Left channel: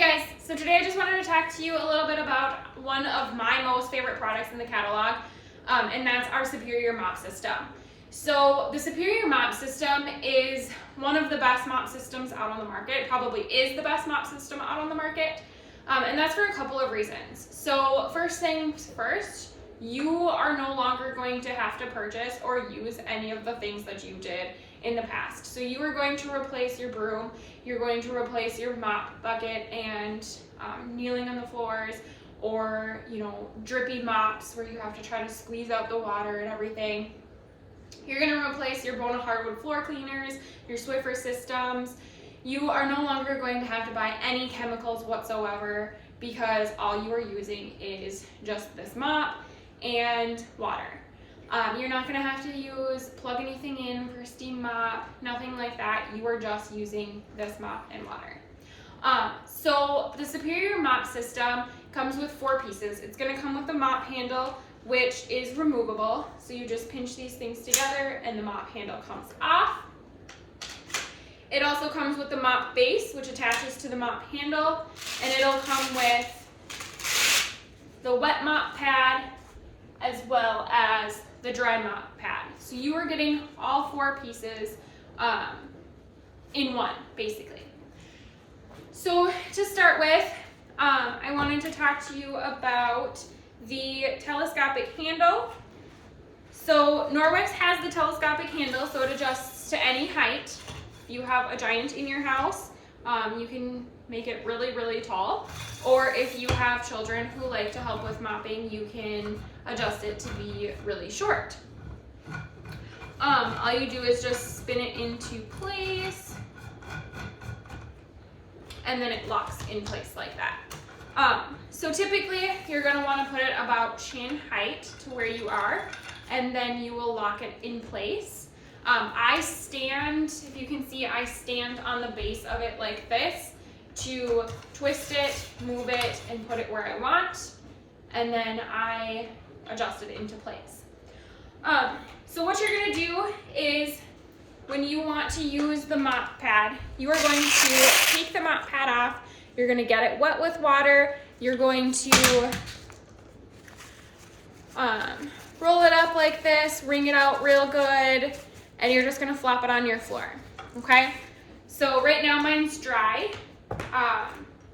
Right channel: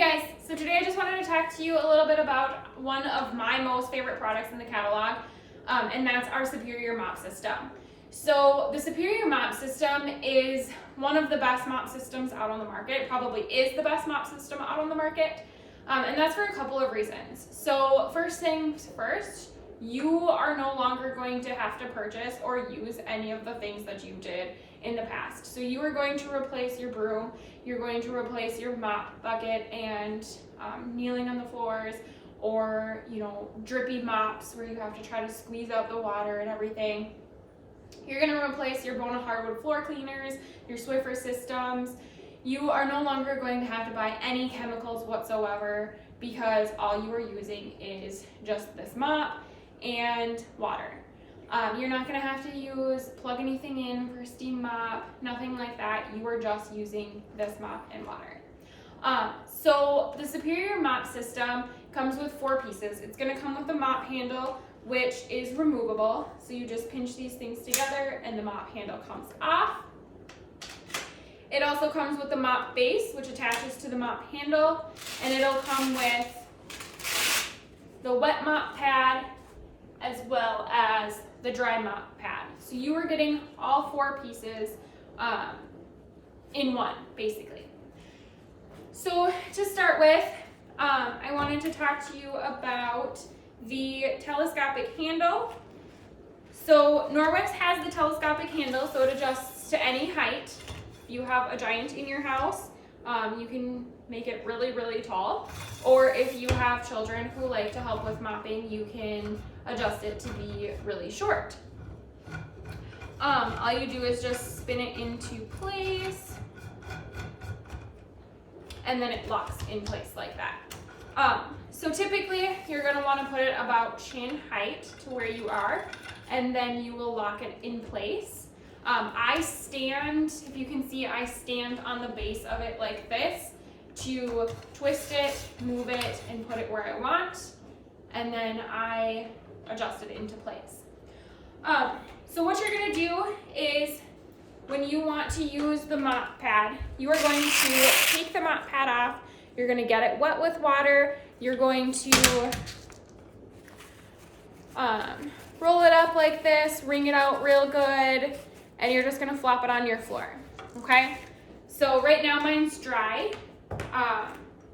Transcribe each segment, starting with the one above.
guys, so today I just wanted to talk to you a little bit about one of my most favorite products in the catalog, and that's our Superior Mop System. So the Superior Mop System is one of the best mop systems out on the market. It probably is the best mop system out on the market, and that's for a couple of reasons. So first things first, you are no longer going to have to purchase or use any of the things that you did in the past. So you are going to replace your broom, you're going to replace your mop bucket and kneeling on the floors, or drippy mops where you have to try to squeeze out the water and everything. You're going to replace your Bona hardwood floor cleaners, your Swiffer systems. You are no longer going to have to buy any chemicals whatsoever because all you are using is just this mop and water. You're not going to have to plug anything in for steam mop, nothing like that. You are just using this mop and water. So the Superior Mop System comes with 4 pieces. It's going to come with the mop handle, which is removable. So you just pinch these things together and the mop handle comes off. It also comes with the mop base, which attaches to the mop handle, and it'll come with the wet mop pad as well as the dry mop pad. So you are getting all 4 pieces in one, basically. So to start with, I wanted to talk to you about the telescopic handle. So Norwex has the telescopic handle, so it adjusts to any height. If you have a giant in your house, you can make it really, really tall. Or if you have children who like to help with mopping, you can adjust it to be really short. All you do is just spin it into place, and then it locks in place like that. So typically you're going to want to put it about chin height to where you are, and then you will lock it in place. I stand, if you can see, I stand on the base of it like this to twist it, move it, and put it where I want, and then I adjust it into place. So what you're going to do is, when you want to use the mop pad, you are going to take the mop pad off, you're going to get it wet with water, you're going to roll it up like this, wring it out real good, and you're just going to flop it on your floor, okay? So right now mine's dry,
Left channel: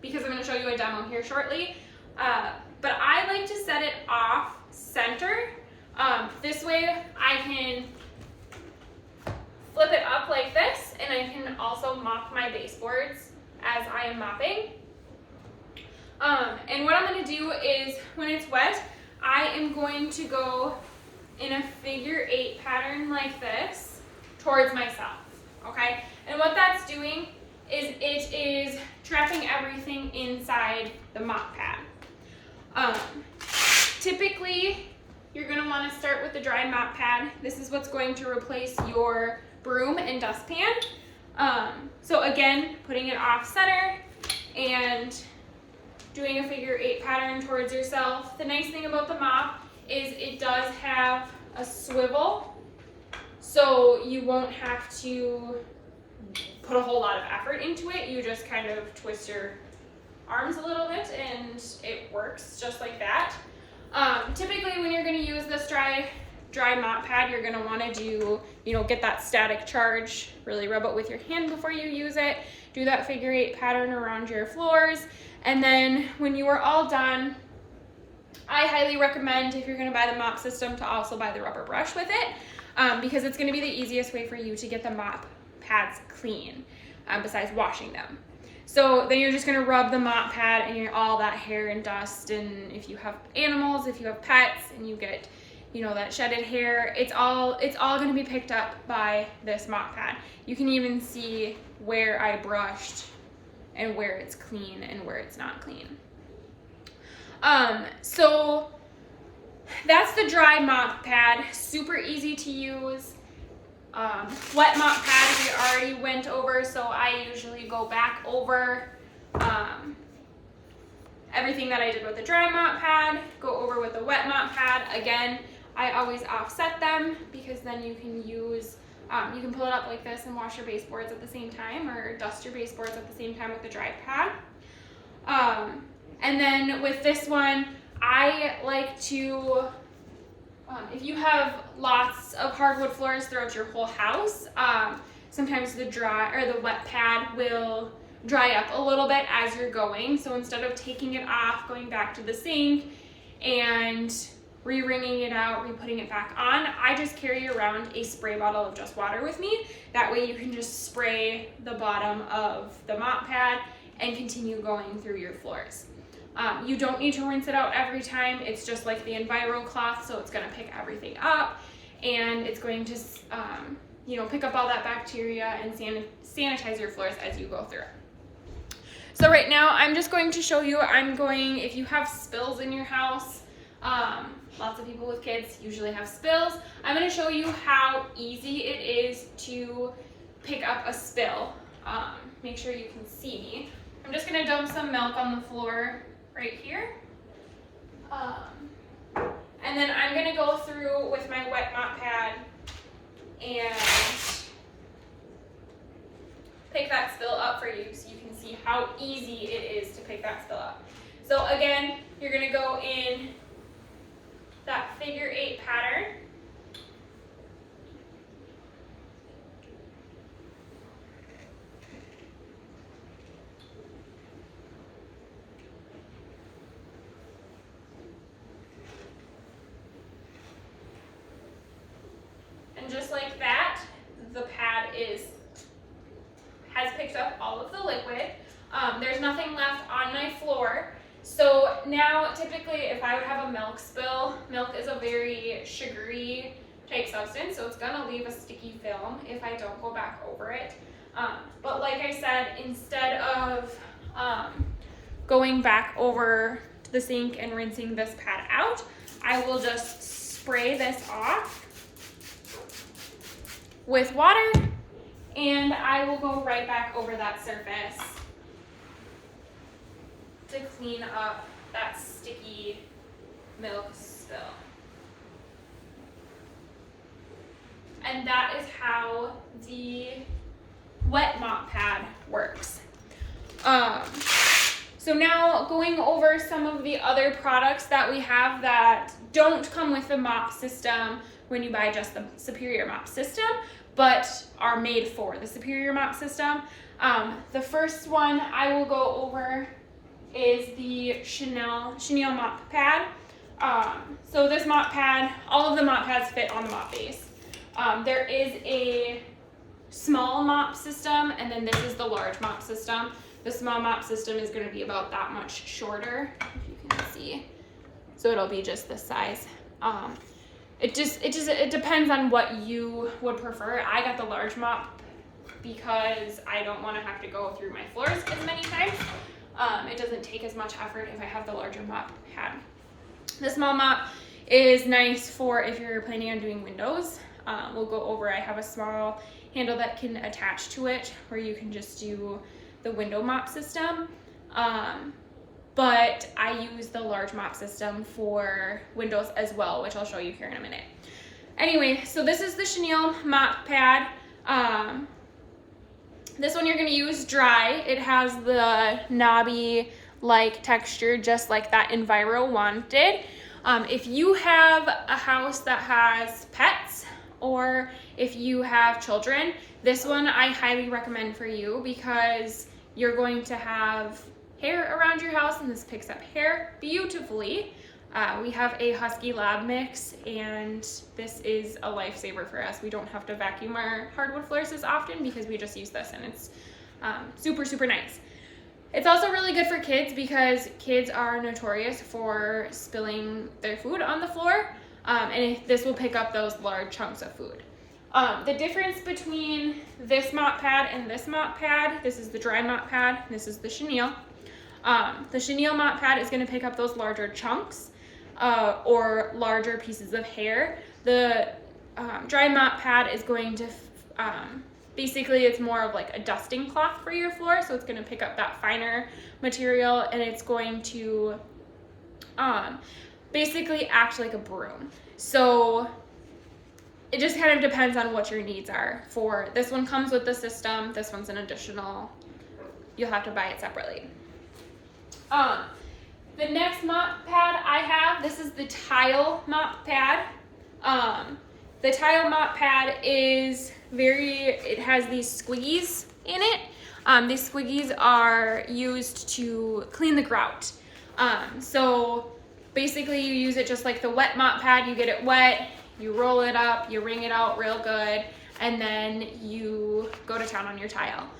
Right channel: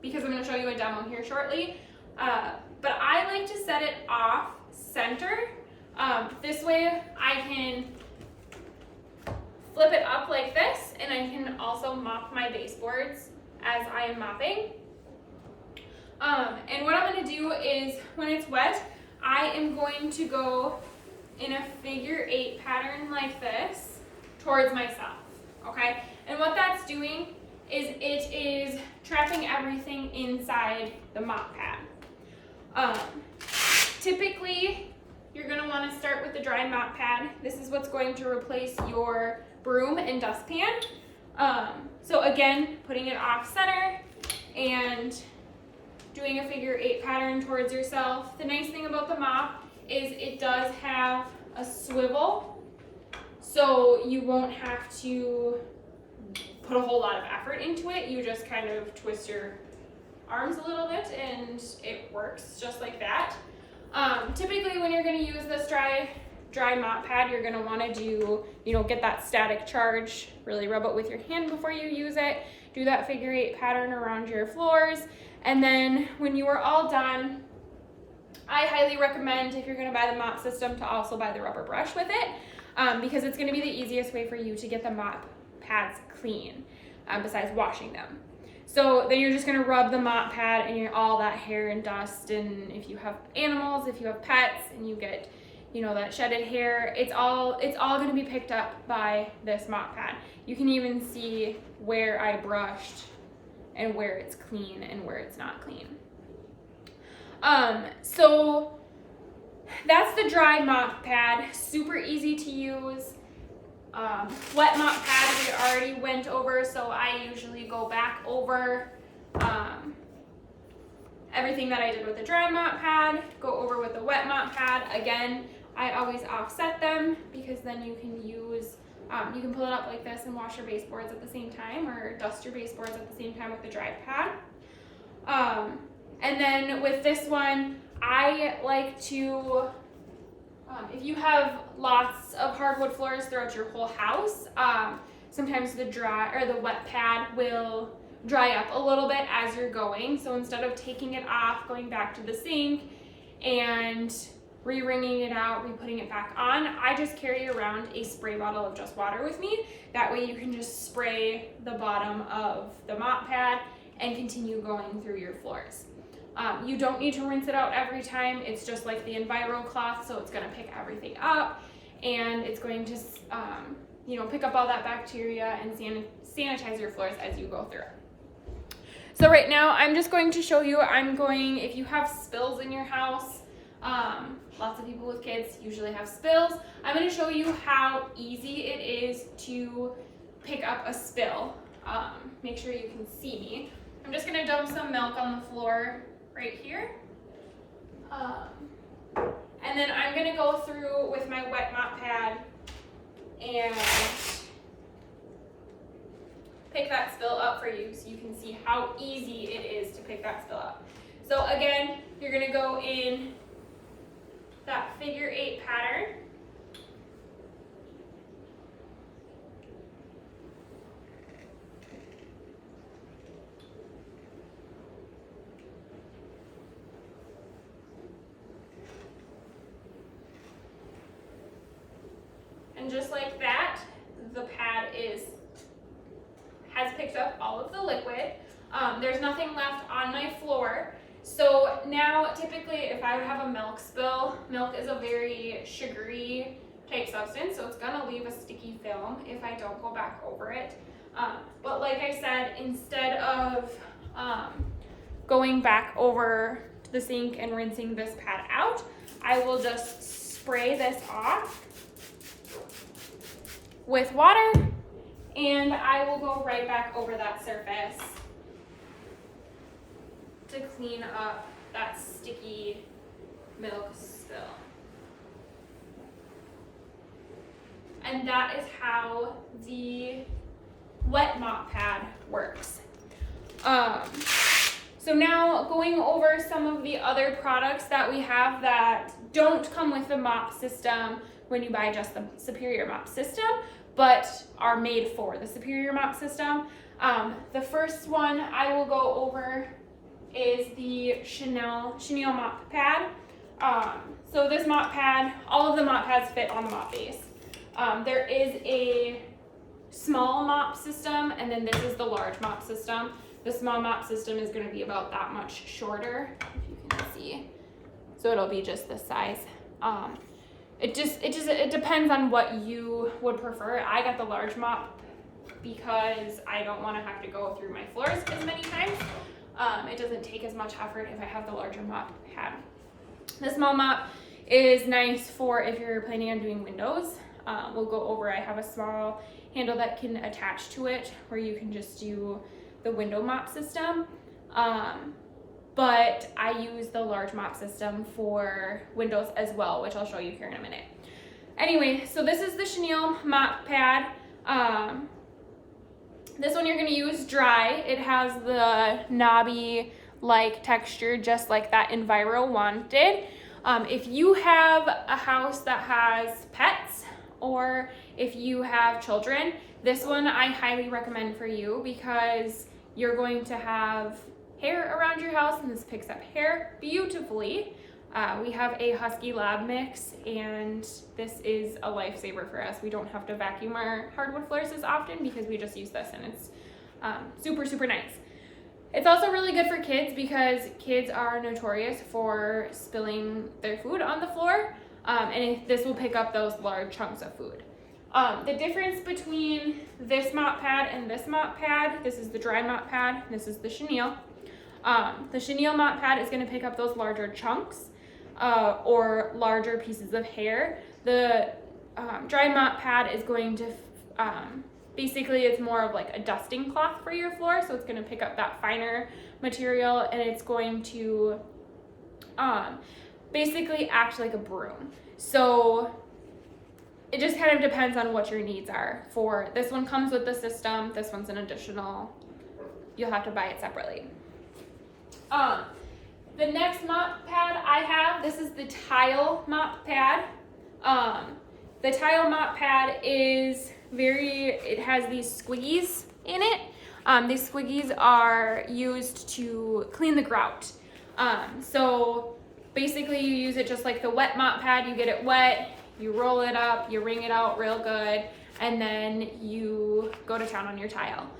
because I'm going to show you a demo here shortly, but I like to set it off center. This way I can flip it up like this, and I can also mop my baseboards as I am mopping. And what I'm going to do is, when it's wet, I am going to go in a figure 8 pattern like this towards myself, okay? And what that's doing is it is trapping everything inside the mop pad. Typically, you're going to want to start with the dry mop pad. This is what's going to replace your broom and dustpan. So again, putting it off center and doing a figure 8 pattern towards yourself. The nice thing about the mop is it does have a swivel, so you won't have to put a whole lot of effort into it. You just kind of twist your arms a little bit and it works just like that. Typically when you're going to use this dry mop pad, you're going to want to do, get that static charge, really rub it with your hand before you use it, do that figure 8 pattern around your floors, and then when you are all done, I highly recommend, if you're going to buy the mop system, to also buy the rubber brush with it, because it's going to be the easiest way for you to get the mop pads clean, besides washing them. So then you're just going to rub the mop pad and all that hair and dust, and if you have animals, if you have pets, and you get that shedded hair, it's all going to be picked up by this mop pad. You can even see where I brushed and where it's clean and where it's not clean. So that's the dry mop pad, super easy to use. Wet mop pad we already went over, so I usually go back over everything that I did with the dry mop pad, go over with the wet mop pad. Again, I always offset them because then you can pull it up like this and wash your baseboards at the same time, or dust your baseboards at the same time with the dry pad. And then with this one, I like to, if you have lots of hardwood floors throughout your whole house, sometimes the wet pad will dry up a little bit as you're going. So instead of taking it off, going back to the sink and re-wringing it out, re-putting it back on, I just carry around a spray bottle of just water with me. That way you can just spray the bottom of the mop pad and continue going through your floors. You don't need to rinse it out every time. It's just like the Enviro cloth, so it's gonna pick everything up and it's going to pick up all that bacteria and sanitize your floors as you go through. So right now I'm just going to show you, if you have spills in your house, lots of people with kids usually have spills. I'm going to show you how easy it is to pick up a spill. Make sure you can see me. I'm just going to dump some milk on the floor right here. And then I'm going to go through with my wet mop pad and pick that spill up for you so you can see how easy it is to pick that spill up. So again, you're going to go in that figure 8 pattern. And just like that, the pad has picked up all of the liquid. There's nothing left on my floor. So now typically if I would have a milk spill, milk is a very sugary type substance, so it's gonna leave a sticky film if I don't go back over it. But like I said, instead of going back over to the sink and rinsing this pad out, I will just spray this off with water and I will go right back over that surface to clean up that sticky milk spill. And that is how the wet mop pad works. So now going over some of the other products that we have that don't come with the mop system when you buy just the Superior Mop System, but are made for the Superior Mop System. The first one I will go over is the Chenille mop pad. So this mop pad, all of the mop pads fit on the mop base. There is a small mop system and then this is the large mop system. The small mop system is going to be about that much shorter, if you can see. So it'll be just this size. It depends on what you would prefer. I got the large mop because I don't want to have to go through my floors as many times. It doesn't take as much effort if I have the larger mop pad. The small mop is nice for if you're planning on doing windows. We'll go over, I have a small handle that can attach to it where you can just do the window mop system. But I use the large mop system for windows as well, which I'll show you here in a minute. Anyway, so this is the Chenille mop pad. This one you're going to use dry. It has the knobby-like texture, just like that Enviro one did. If you have a house that has pets, or if you have children, this one I highly recommend for you because you're going to have hair around your house and this picks up hair beautifully. We have a Husky Lab mix and this is a lifesaver for us. We don't have to vacuum our hardwood floors as often because we just use this and it's super, super nice. It's also really good for kids because kids are notorious for spilling their food on the floor, and this will pick up those large chunks of food. The difference between this mop pad and this mop pad, this is the dry mop pad, this is the Chenille. The Chenille mop pad is going to pick up those larger chunks or larger pieces of hair. The dry mop pad is going to basically, it's more of like a dusting cloth for your floor, so it's going to pick up that finer material and it's going to basically act like a broom. So it just kind of depends on what your needs are. For this one comes with the system, this one's an additional, you'll have to buy it separately. The next mop pad I have, this is the tile mop pad. The tile mop pad is it has these squiggies in it. These squiggies are used to clean the grout. So basically you use it just like the wet mop pad. You get it wet, you roll it up, you wring it out real good, and then you go to town on your tile.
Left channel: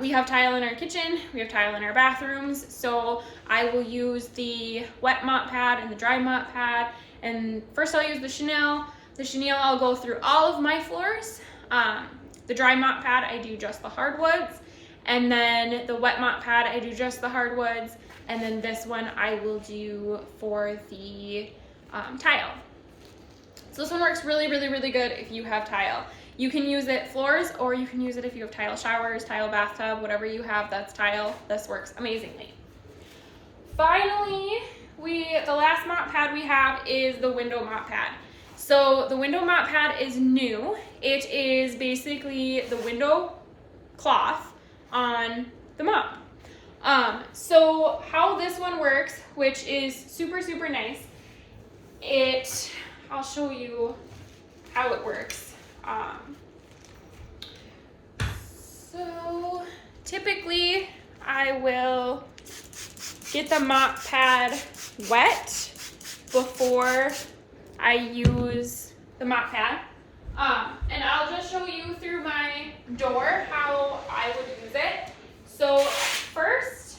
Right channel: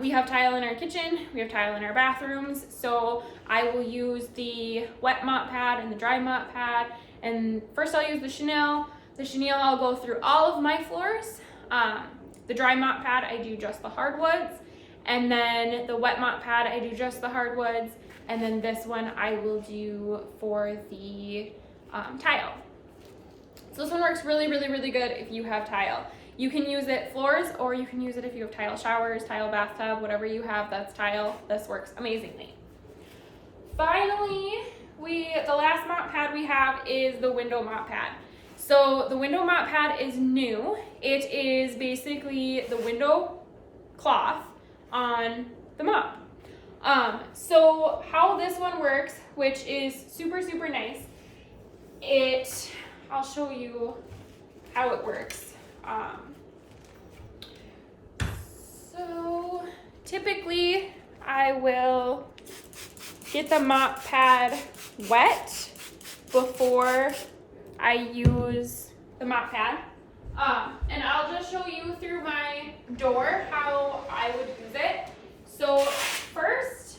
We have tile in our kitchen, we have tile in our bathrooms, so I will use the wet mop pad and the dry mop pad, and first I'll use the chenille. The chenille I'll go through all of my floors. The dry mop pad I do just the hardwoods, and then the wet mop pad I do just the hardwoods, and then this one I will do for the tile. So this one works really, really, really good if you have tile. You can use it floors, or you can use it if you have tile showers, tile bathtub, whatever you have that's tile. This works amazingly. Finally, the last mop pad we have is the window mop pad. So the window mop pad is new. It is basically the window cloth on the mop. So how this one works, which is super, super nice, I'll show you how it works. So typically I will get the mop pad wet before I use the mop pad. And I'll just show you through my door how I would use it. So first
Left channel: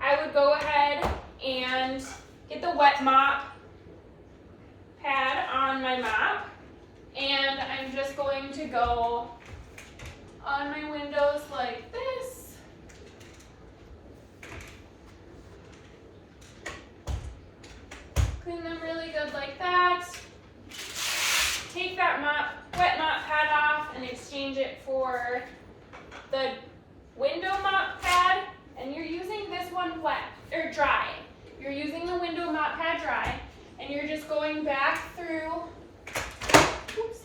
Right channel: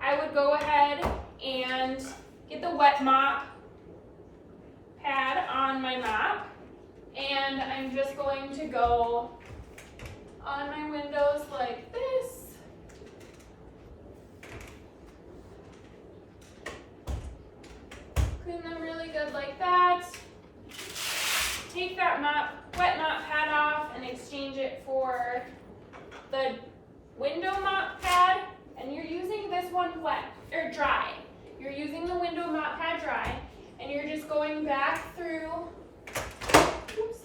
I would go ahead and get the wet mop pad on my mop. And I'm just going to go on my windows like this. Clean them really good like that. Take that wet mop pad off and exchange it for the window mop pad. And you're using this one wet or dry. You're using the window mop pad dry, and you're just going back through. Oops.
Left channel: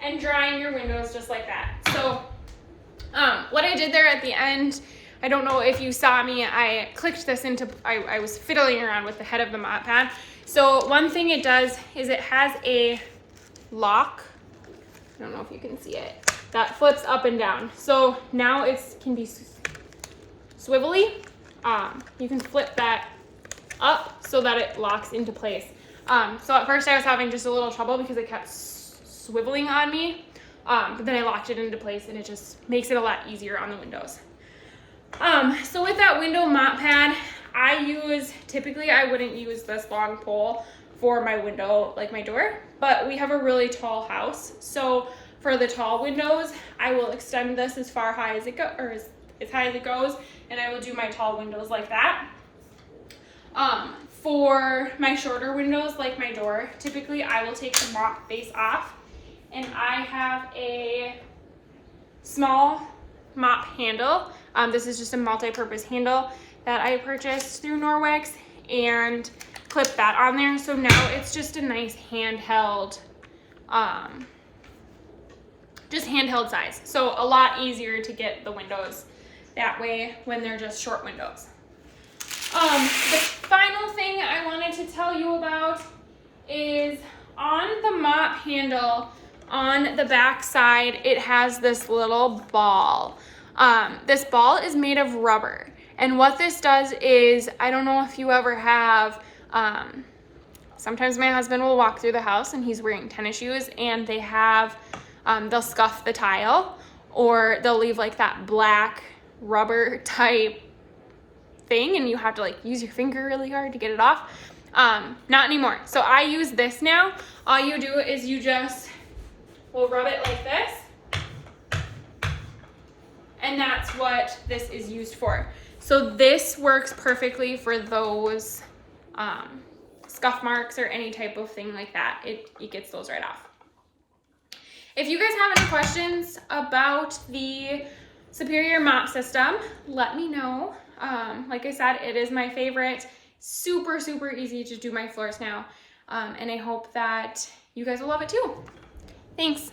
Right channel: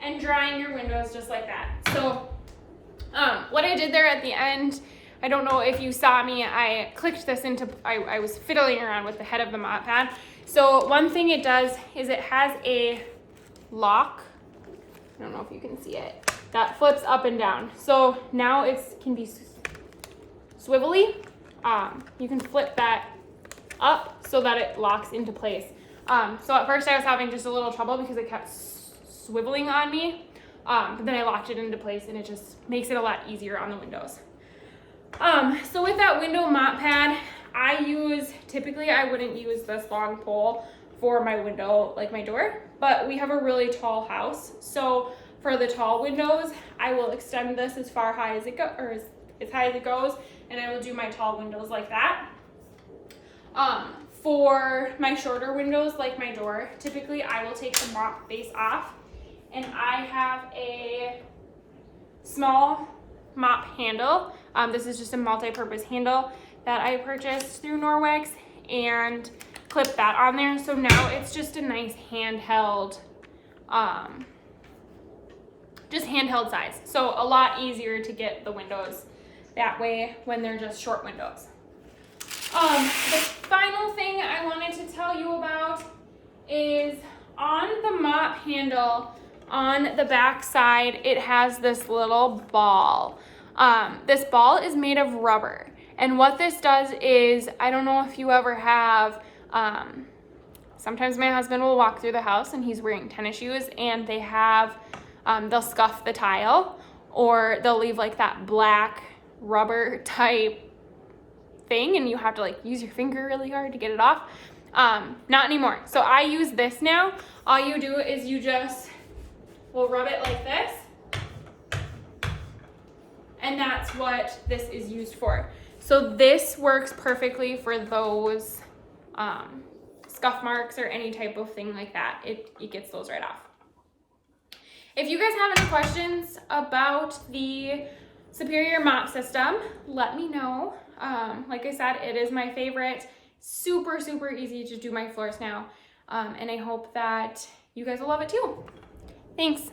And drying your windows just like that. So what I did there at the end, I don't know if you saw me, I clicked this into, I was fiddling around with the head of the mop pad. So one thing it does is it has a lock, I don't know if you can see it, that flips up and down. So now it can be swivelly. You can flip that up so that it locks into place. So at first I was having just a little trouble because it kept swiveling on me, but then I locked it into place, and it just makes it a lot easier on the windows. So with that window mop pad, typically I wouldn't use this long pole for my window, like my door, but we have a really tall house. So for the tall windows, I will extend this as high as it goes, and I will do my tall windows like that. For my shorter windows, like my door, typically I will take the mop base off, and I have a small mop handle. This is just a multi-purpose handle that I purchased through Norwex, and clip that on there. So now it's just a nice handheld, just handheld size. So a lot easier to get the windows that way when they're just short windows. The final thing I wanted to tell you about is on the mop handle, on the back side, it has this little ball. This ball is made of rubber. And what this does is, I don't know if you ever have, sometimes my husband will walk through the house and he's wearing tennis shoes, and they have, they'll scuff the tile, or they'll leave like that black rubber type thing, and you have to like use your finger really hard to get it off. Not anymore. So I use this now. All you do is you just will rub it like this, and that's what this is used for. So this works perfectly for those scuff marks or any type of thing like that. It gets those right off. If you guys have any questions about the Superior Mop System, let me know. Like I said, it is my favorite. Super, super easy to do my floors now. And I hope that you guys will love it too. Thanks.